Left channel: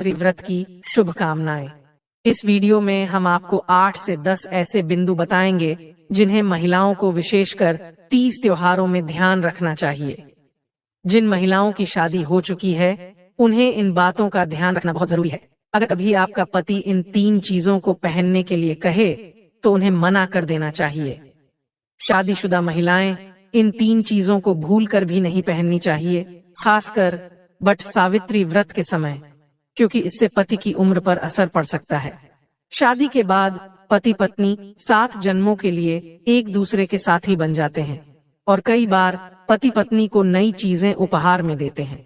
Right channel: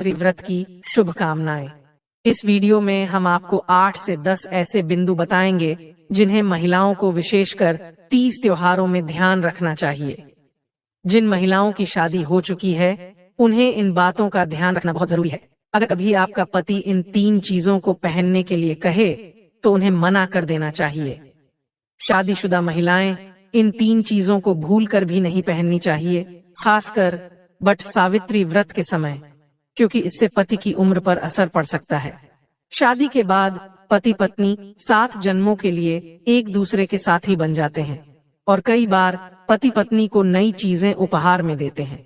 सावित्री व्रत की शुभकामनाएं। इस वीडियो में हम आपको 8 से 10 ऐसे बिंदु बताएंगे जिन्हें महिलाओं को विशेषकर 30 त्योहारों में ध्यान रखना चाहिए। जिन महिलाओं की शादी हो चुकी है उन्हें इन बातों का ध्यान रखना बहुत जरूरी है। अगर कभी आपका पति इन 3 चीजों को पहनने के लिए कहे तो उन्हें मना कर देना चाहिए। शादीशुदा महिलाएं इन 3 चीजों को भूलकर भी नहीं पहननी चाहिए, खासकर बट सावित्री व्रत के समय, क्योंकि इससे पति की उम्र पर असर पड़ सकता है। शादी के बाद पति पत्नी 7 जन्मों के लिए एक दूसरे के साथी बन जाते हैं और कई बार पति पत्नी को नई चीजें उपहार में देते हैं,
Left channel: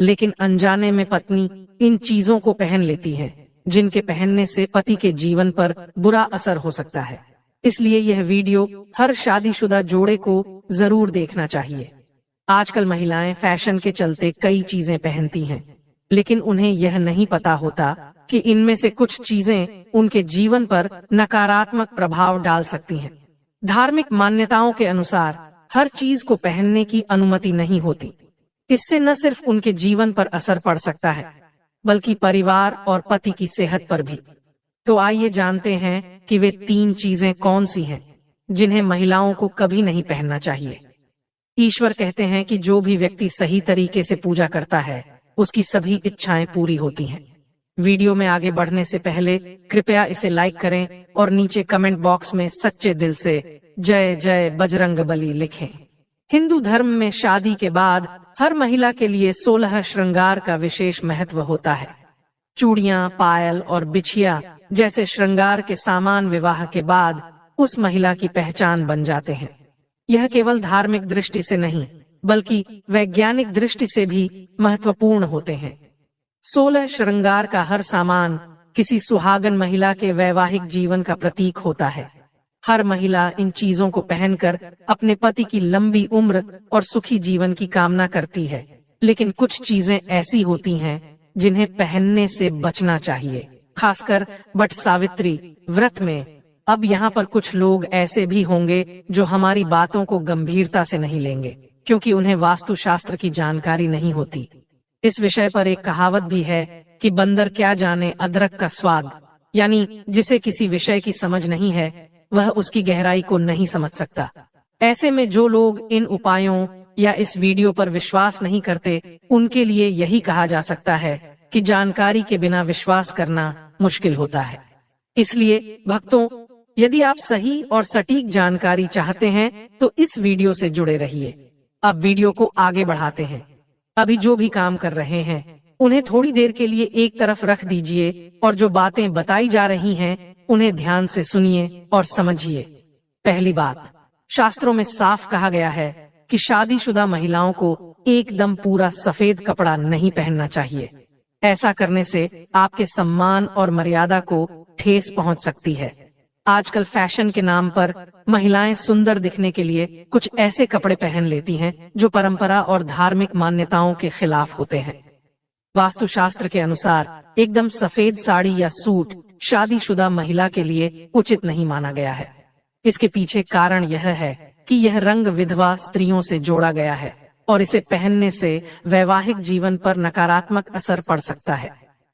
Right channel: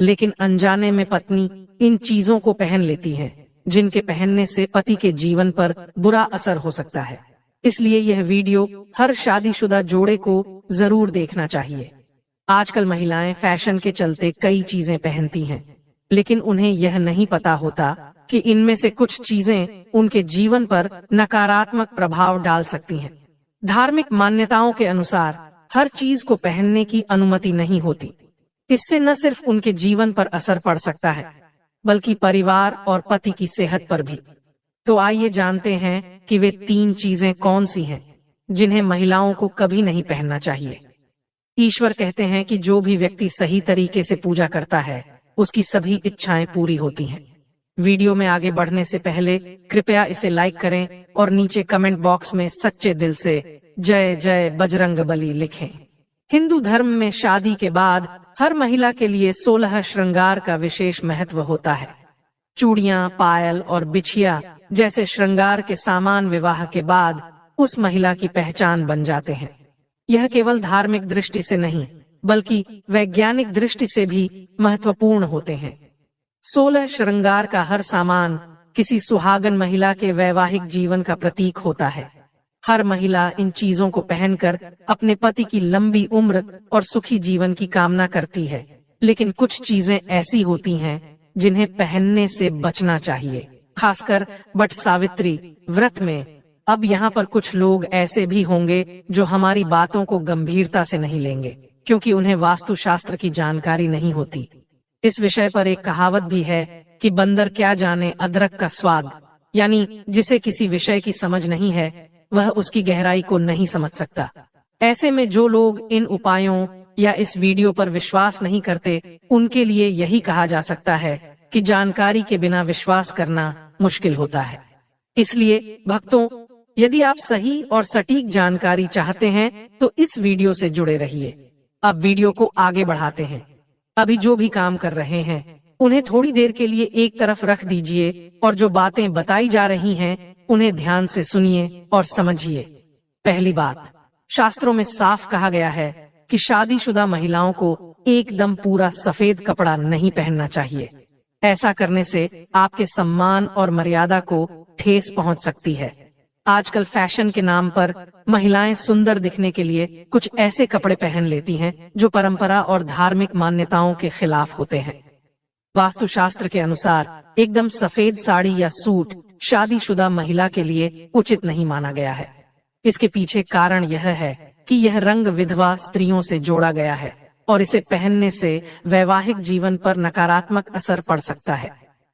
लेकिन अनजाने में पत्नी इन चीजों को पहन लेती है जिनके पहनने से पति के जीवन पर बुरा असर हो सकता है। इसलिए यह वीडियो हर शादीशुदा जोड़े को जरूर देखना चाहिए। आजकल महिलाएं फैशन के चलते कई चीजें पहनती हैं, लेकिन उन्हें यह नहीं पता होता कि इनमें से कुछ चीजें उनके जीवन पर नकारात्मक प्रभाव डाल सकती हैं। धार्मिक मान्यताओं के अनुसार हर चीज को पहनने की अनुमति नहीं होती। इससे न सिर्फ उनके जीवन पर असर पड़ सकता है, बल्कि परिवार और पति की सेहत पर भी। तो आइए जानते हैं कि वे 3 चीजें कौन सी हैं जिन्हें महिलाओं को कभी नहीं पहनना चाहिए। ईश्वर कहते हैं कि जो भी व्यक्ति सही तरीके से पूजा करता है उसकी सभी इच्छाएं पूरी होती हैं। वीडियो में आगे बढ़ने से पहले कृपया इसे लाइक करें और नीचे कमेंट बॉक्स में सच्चे दिल से जय जय बजरंगबली लिखें। हिंदू धर्म में शादी के बाद हर महिला के लिए 16 श्रृंगार का विशेष महत्व होता है। चूड़ियां, पायल और बिछिया जैसे श्रृंगार के सामान विवाह के बाद उस महिला की पहचान बन जाते हैं। यह केवल धार्मिक दृष्टि से नहीं, बल्कि वैज्ञानिक दृष्टि से भी महत्वपूर्ण होते हैं। 16 श्रृंगार का हर सामान किसी सुहागन महिला के वैवाहिक जीवन का प्रतीक होता है। हर महिला इन चीजों को पहनकर अपने पति की लंबी उम्र और सुखी जीवन की कामना करती है, लेकिन कुछ चीजें ऐसी होती हैं जिन्हें पहनने से बचना चाहिए, खासकर बट सावित्री व्रत में। अब यहाँ पर कुछ लोग ऐसे भी होंगे जो हमारी बातों को गंभीरता से नहीं लेंगे, क्योंकि उन्हें वास्तुशास्त्र की जानकारी नहीं होती। इस विषय पर एक कहावत भी है कि बंदर क्या जाने अदरक का स्वाद, यानी जिसे किसी विषय की समझ नहीं है वह उसकी गहराई को नहीं समझ सकता। ऐसे में जो लोग इन उपायों या इस वीडियो पर विश्वास नहीं करते उनके लिए यही कहा जा सकता है कि जानकारी के बिना विश्वास करना मुश्किल होता है। इसलिए भक्तों, यदि आप सही और सटीक जानकारी चाहते हैं तो इस वीडियो से जुड़े रहिए। अब वीडियो को आगे बढ़ाते हैं। अभी जो भी काम कर रहे हैं उन्हें थोड़ी देर के लिए एक तरफ रख दीजिए और जो बातें बताई जा रही हैं उन्हें ध्यान से सुनिए और समझिए। पहली बात, शास्त्रों में साफ कहा गया है कि शादीशुदा महिलाओं को एकदम पूरा सफेद कपड़ा नहीं पहनना चाहिए। ऐसा करने से आपके सम्मान और मर्यादा को ठेस पहुंच सकती है। आजकल फैशन के नाम पर महिलाएं सुंदर दिखने के लिए कुछ ऐसे कपड़े पहन लेती हैं जो परंपरा और धार्मिक मान्यताओं के खिलाफ होते हैं। वास्तुशास्त्र के अनुसार एकदम सफेद साड़ी या सूट शादीशुदा महिला के लिए उचित नहीं माना गया है। इसके पीछे कारण यह है कि यह रंग विधवा स्त्रियों से जोड़ा गया है और इसे पहनने से वैवाहिक जीवन पर नकारात्मक असर पड़ सकता है।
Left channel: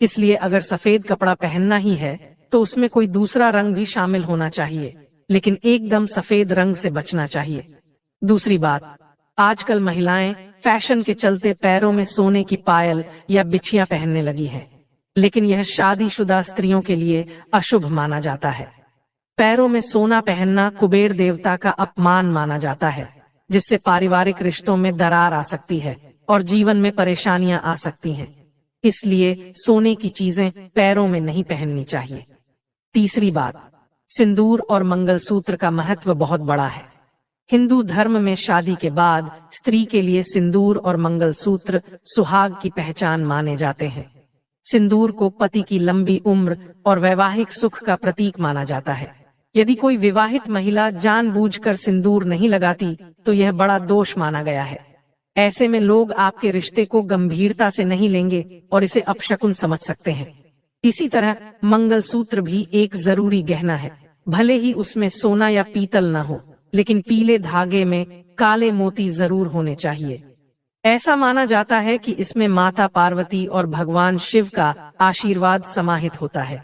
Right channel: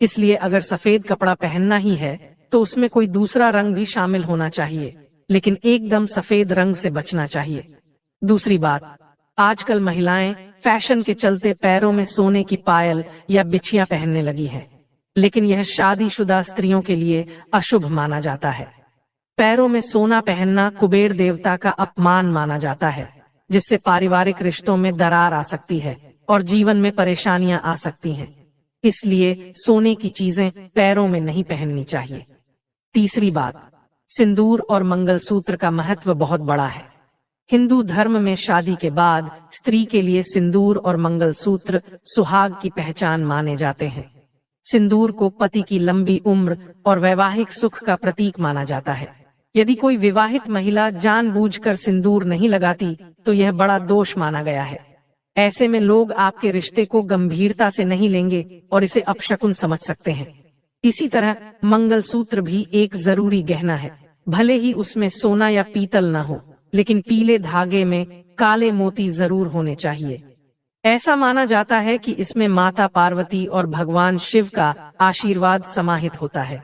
इसलिए अगर सफेद कपड़ा पहनना ही है तो उसमें कोई दूसरा रंग भी शामिल होना चाहिए, लेकिन एकदम सफेद रंग से बचना चाहिए। दूसरी बात, आजकल महिलाएं फैशन के चलते पैरों में सोने की पायल या बिछिया पहनने लगी है, लेकिन यह शादीशुदा स्त्रियों के लिए अशुभ माना जाता है। पैरों में सोना पहनना कुबेर देवता का अपमान माना जाता है, जिससे पारिवारिक रिश्तों में दरार आ सकती है और जीवन में परेशानियां आ सकती हैं। इसलिए सोने की चीजें पैरों में नहीं पहननी चाहिए। तीसरी बात, सिंदूर और मंगलसूत्र का महत्व बहुत बड़ा है। हिंदू धर्म में शादी के बाद स्त्री के लिए सिंदूर और मंगलसूत्र सुहाग की पहचान माने जाते हैं। सिंदूर को पति की लंबी उम्र और वैवाहिक सुख का प्रतीक माना जाता है। यदि कोई विवाहित महिला जानबूझकर सिंदूर नहीं लगाती तो यह बड़ा दोष माना गया है। ऐसे में लोग आपके रिश्ते को गंभीरता से नहीं लेंगे और इसे अपशकुन समझ सकते हैं। इसी तरह मंगलसूत्र भी एक जरूरी गहना है। भले ही उसमें सोना या पीतल न हो, लेकिन पीले धागे में काले मोती जरूर होने चाहिए। ऐसा माना जाता है कि इसमें माता पार्वती और भगवान शिव का आशीर्वाद समाहित होता है।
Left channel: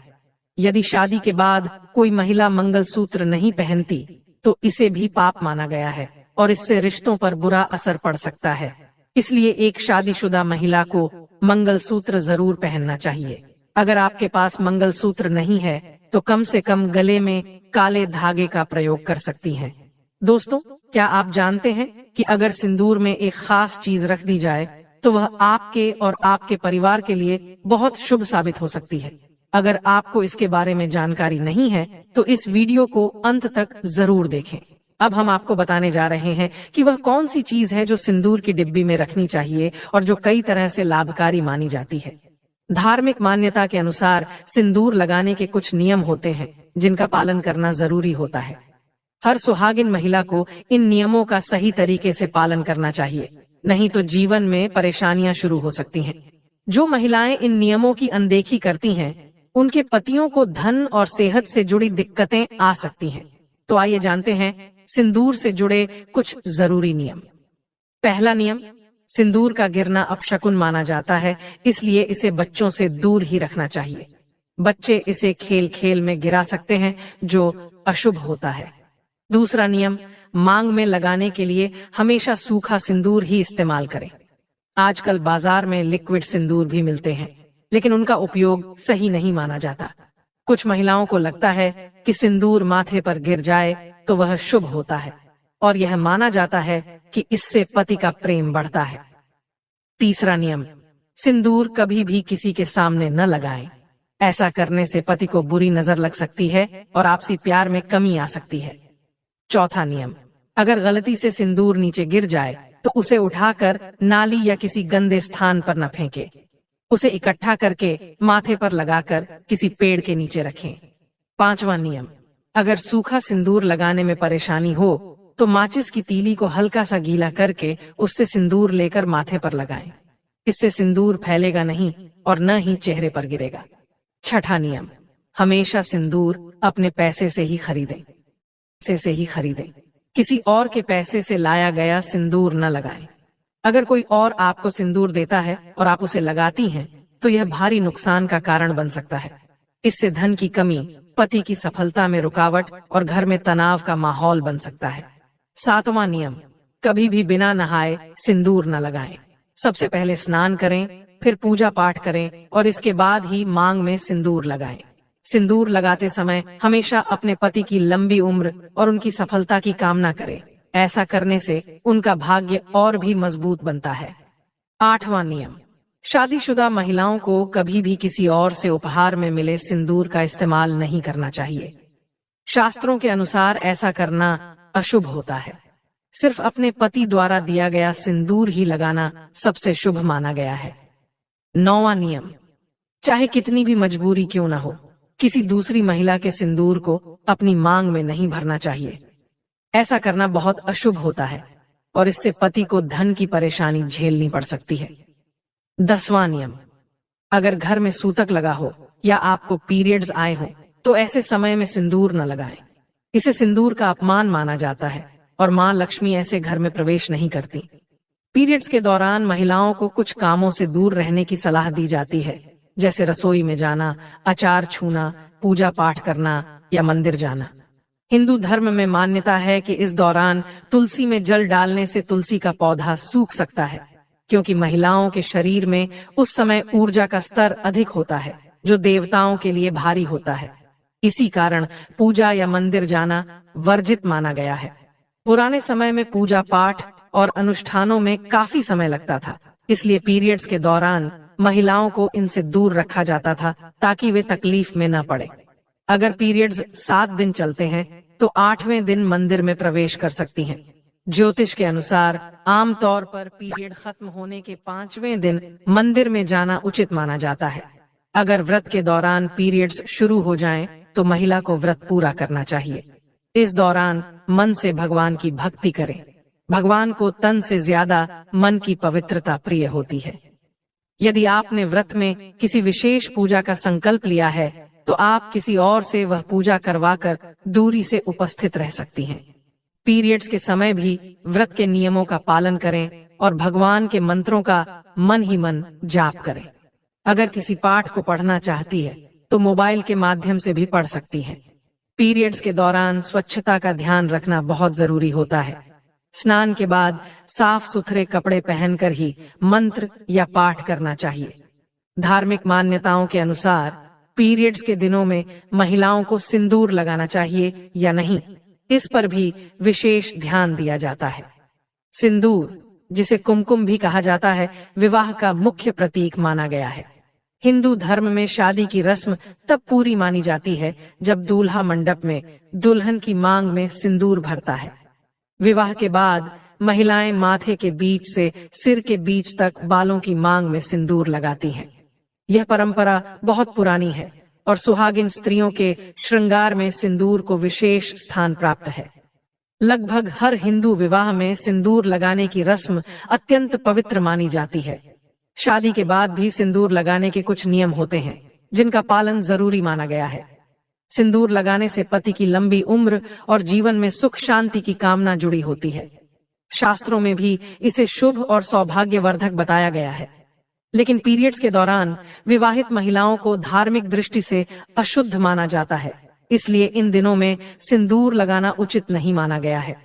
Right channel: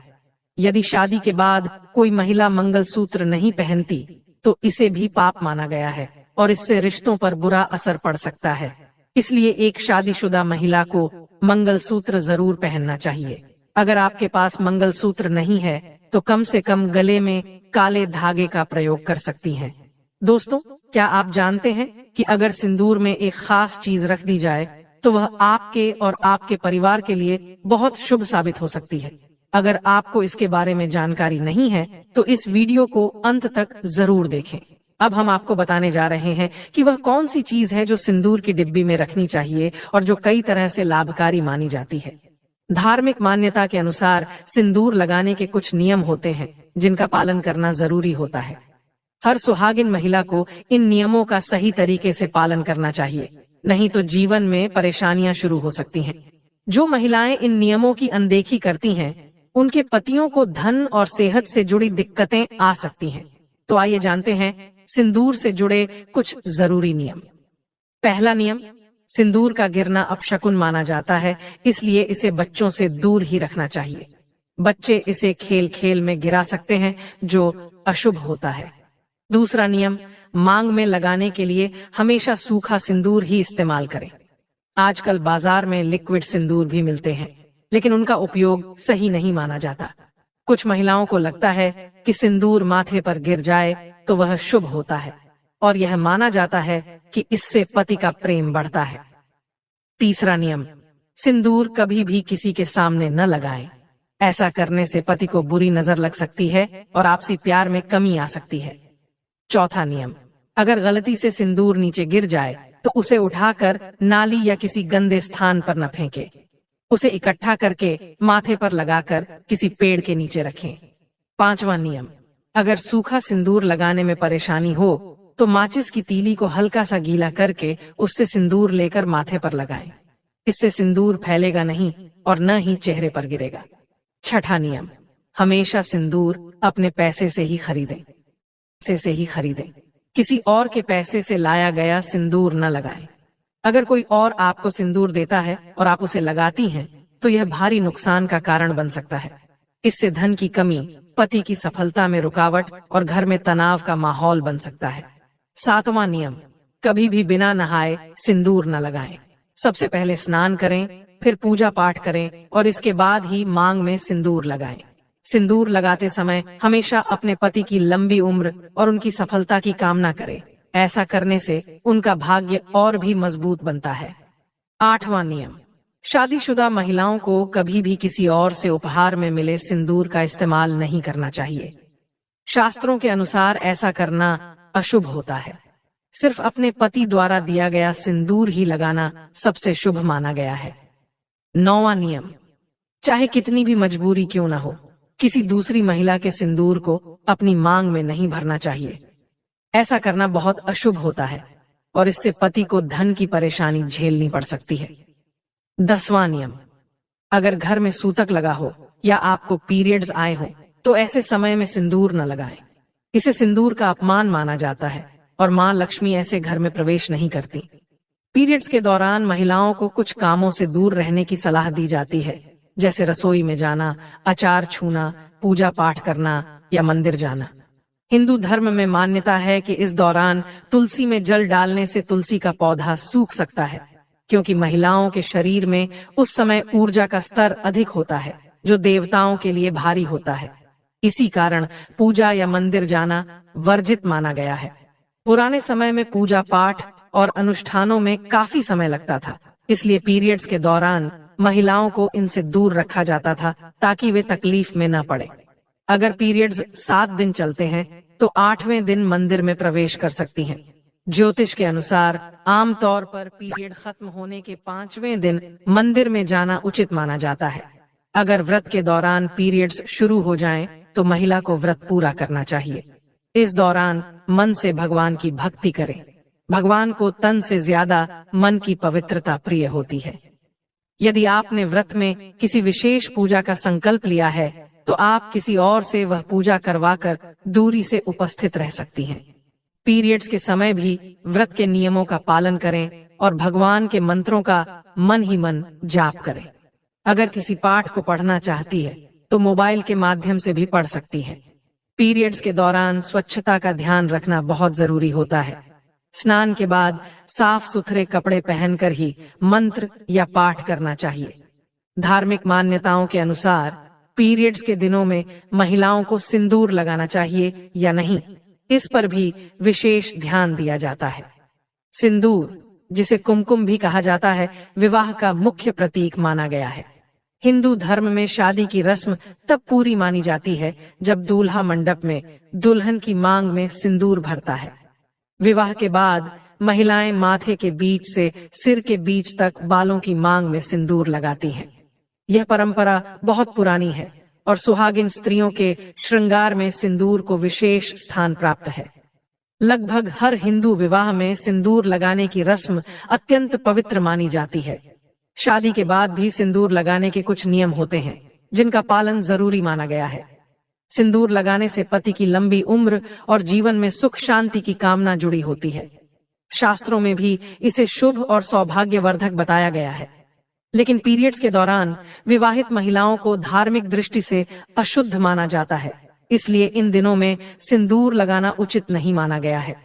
यदि शादी के बाद कोई महिला मंगलसूत्र नहीं पहनती तो इसे भी पाप माना गया है और इससे रिश्तों पर बुरा असर पड़ सकता है। इसलिए एक शादीशुदा महिला को मंगलसूत्र जरूर पहनना चाहिए। अगर आपके पास मंगलसूत्र नहीं है तो कम से कम गले में काले धागे का प्रयोग कर सकती हैं। दोस्तों, क्या आप जानते हैं कि अगर सिंदूर में एक खास चीज रख दी जाए तो वह आपके और आपके परिवार के लिए बहुत शुभ साबित हो सकती है। अगर आपको इसके बारे में जानकारी नहीं है तो इस वीडियो को अंत तक जरूर देखें। अब हम आपको बताने जा रहे हैं कि वह कौन सी चीज है जो सिंदूर की डिब्बी में रखनी चाहिए और जो कई तरह से लाभकारी मानी जाती है। धार्मिक मान्यता के अनुसार सिंदूर लगाने के कुछ नियम होते हैं जिनका पालन करना जरूरी होता है। हर सुहागिन महिला को इन नियमों का सही तरीके से पालन करना चाहिए, नहीं तो जीवन में परेशानियां शुरू हो सकती हैं। जो महिलाएं इन नियमों की अनदेखी करती हैं, उनके पतियों को धन और सेहत से जुड़ी दिक्कतें आ सकती हैं। तो आइए जानते हैं सिंदूर से जुड़े कुछ जरूरी नियम। पहला नियम, सिंदूर का गिरना अपशकुन माना जाता है, इसलिए इसे बच्चों से दूर ही रखना चाहिए। बच्चे इसे खेल खेल में गिरा सकते हैं जो अशुभ होता है। दूसरा नियम, मांग में लगाने के लिए हमेशा सूखा सिंदूर ही इस्तेमाल करें। आजकल बाजार में लिक्विड सिंदूर भी मिलते हैं, लेकिन उनका उपयोग सही नहीं माना जाता। कुछ महिलाओं को लगता है कि सिंदूर माथे पर गिर जाए तो वह शुभ होता है और यह माना जाता है कि इससे पति का प्रेम बढ़ता है। तीसरा नियम, सिंदूर कभी भी किसी के सामने न लगाएं। ऐसा करने से पति को बुरी नजर लग सकती है और आपसी प्यार में कमी आ सकती है। चौथा नियम, अगर गलती से सिंदूर नीचे गिर जाए तो उसे उठाकर नाली या किसी गंदे स्थान पर न फेंके। उसे इकट्ठा करके माथे पर लगाकर किसी पेड़ के नीचे रखें। पांचवा नियम, अगर सूखा सिंदूर लगाने में परेशानी हो तो माचिस की तीली को हल्का सा गीला करके उससे सिंदूर लेकर माथे पर लगाएं। इससे सिंदूर फैलेगा नहीं और न ही चेहरे पर गिरेगा। छठा नियम, हमेशा सिंदूर अपने पैसे से ही खरीदें। किसी और के पैसे से लाया गया सिंदूर न लगाएं। अगर कोई और आपको सिंदूर देता है और आप उसे लगाती हैं तो यह भारी नुकसान का कारण बन सकता है। इससे धन की कमी, पति की सफलता में रुकावट और घर में तनाव का माहौल बन सकता है। सातवां नियम, कभी भी बिना नहाए सिंदूर न लगाएं। सबसे पहले स्नान करें, फिर पूजा पाठ करें और इसके बाद ही मांग में सिंदूर लगाएं। सिंदूर लगाते समय हमेशा अपने पति की लंबी उम्र और उनकी सफलता की कामना करें। ऐसा करने से उनका भाग्य और भी मजबूत बनता है। आठवां नियम, शादीशुदा महिलाओं को कभी भी किसी और से उपहार में मिले सिंदूर का इस्तेमाल नहीं करना चाहिए। शास्त्रों के अनुसार ऐसा करना अशुभ होता है। सिर्फ अपने पति द्वारा दिया गया सिंदूर ही लगाना सबसे शुभ माना गया है। नौवां नियम, चाहे कितनी भी मजबूरी क्यों न हो, किसी दूसरी महिला के सिंदूर को अपनी मांग में नहीं भरना चाहिए। ऐसा करना बहुत अशुभ होता है और इससे पति को धन की परेशानी झेलनी पड़ सकती है। 10वां नियम, अगर घर में सूतक लगा हो या आपको पीरियड्स आए हो तो ऐसे समय में सिंदूर न लगाएं। इसे सिंदूर का अपमान माना जाता है और माँ लक्ष्मी ऐसे घर में प्रवेश नहीं करती। पीरियड्स के दौरान महिलाओं को कुछ कामों से दूर रहने की सलाह दी जाती है, जैसे रसोई में जाना, अचार छूना, पूजा पाठ करना या मंदिर जाना। हिंदू धर्म में मान्यता है कि इस दौरान तुलसी में जल डालने से तुलसी का पौधा सूख सकता है, क्योंकि महिलाओं के शरीर में उस समय ऊर्जा का स्तर अधिक होता है जो देवताओं के लिए भारी होता है। इसी कारण पूजा या मंदिर जाना वर्जित माना गया है। पुराने समय में पूजा पाठ और अनुष्ठानों में काफी समय लगता था, इसलिए पीरियड्स के दौरान महिलाओं को इनसे दूर रखा जाता था ताकि वे तकलीफ में न पड़े। अगर पीरियड्स 7 दिन चलते हैं तो 8वें दिन मंदिर में प्रवेश कर सकती हैं। ज्योतिष के अनुसार आमतौर पर पीरियड खत्म होने के 5वें दिन मंदिर में जाना उचित माना जाता है। अगर व्रत के दौरान पीरियड्स शुरू हो जाएं तो महिला को व्रत पूरा करना चाहिए। इस दौरान मन से भगवान की भक्ति करें। भगवान को तन से ज्यादा मन की पवित्रता प्रिय होती है। यदि आपने व्रत में किसी विशेष पूजा का संकल्प लिया है तो आप किसी और से वह पूजा करवाकर दूरी से उपस्थित रह सकती हैं। पीरियड्स के समय भी व्रत के नियमों का पालन करें और भगवान के मंत्रों का मन ही मन जाप करें। अगर किसी पाठ को पढ़ना चाहती है तो मोबाइल के माध्यम से भी पढ़ सकती है। पीरियड्स के दौरान स्वच्छता का ध्यान रखना बहुत जरूरी होता है। स्नान के बाद साफ सुथरे कपड़े पहनकर ही मंत्र या पाठ करना चाहिए। धार्मिक मान्यताओं के अनुसार पीरियड्स के दिनों में महिलाओं को सिंदूर लगाना चाहिए या नहीं, इस पर भी विशेष ध्यान दिया जाता है। सिंदूर, जिसे कुमकुम भी कहा जाता है, विवाह का मुख्य प्रतीक माना गया है। हिंदू धर्म में शादी की रस्म तब पूरी मानी जाती है जब दूल्हा मंडप में दुल्हन की मांग में सिंदूर भरता है। विवाह के बाद महिलाएं माथे के बीच से सिर के बीच तक बालों की मांग में सिंदूर लगाती हैं। यह परंपरा बहुत पुरानी है और सुहागिन स्त्रियों के श्रृंगार में सिंदूर को विशेष स्थान प्राप्त है। लगभग हर हिंदू विवाह में सिंदूर लगाने की रस्म अत्यंत पवित्र मानी जाती है। शादी के बाद भी सिंदूर लगाने के कुछ नियम होते हैं जिनका पालन जरूरी माना गया है। सिंदूर लगाने से पति की लंबी उम्र और जीवन में सुख शांति की कामना जुड़ी होती है। शास्त्रों में भी इसे शुभ और सौभाग्यवर्धक बताया गया है। लेकिन पीरियड्स के दौरान विवाहित महिलाओं को धार्मिक दृष्टि से अशुद्ध माना जाता है, इसलिए इन दिनों में सिंदूर लगाना उचित नहीं माना गया है।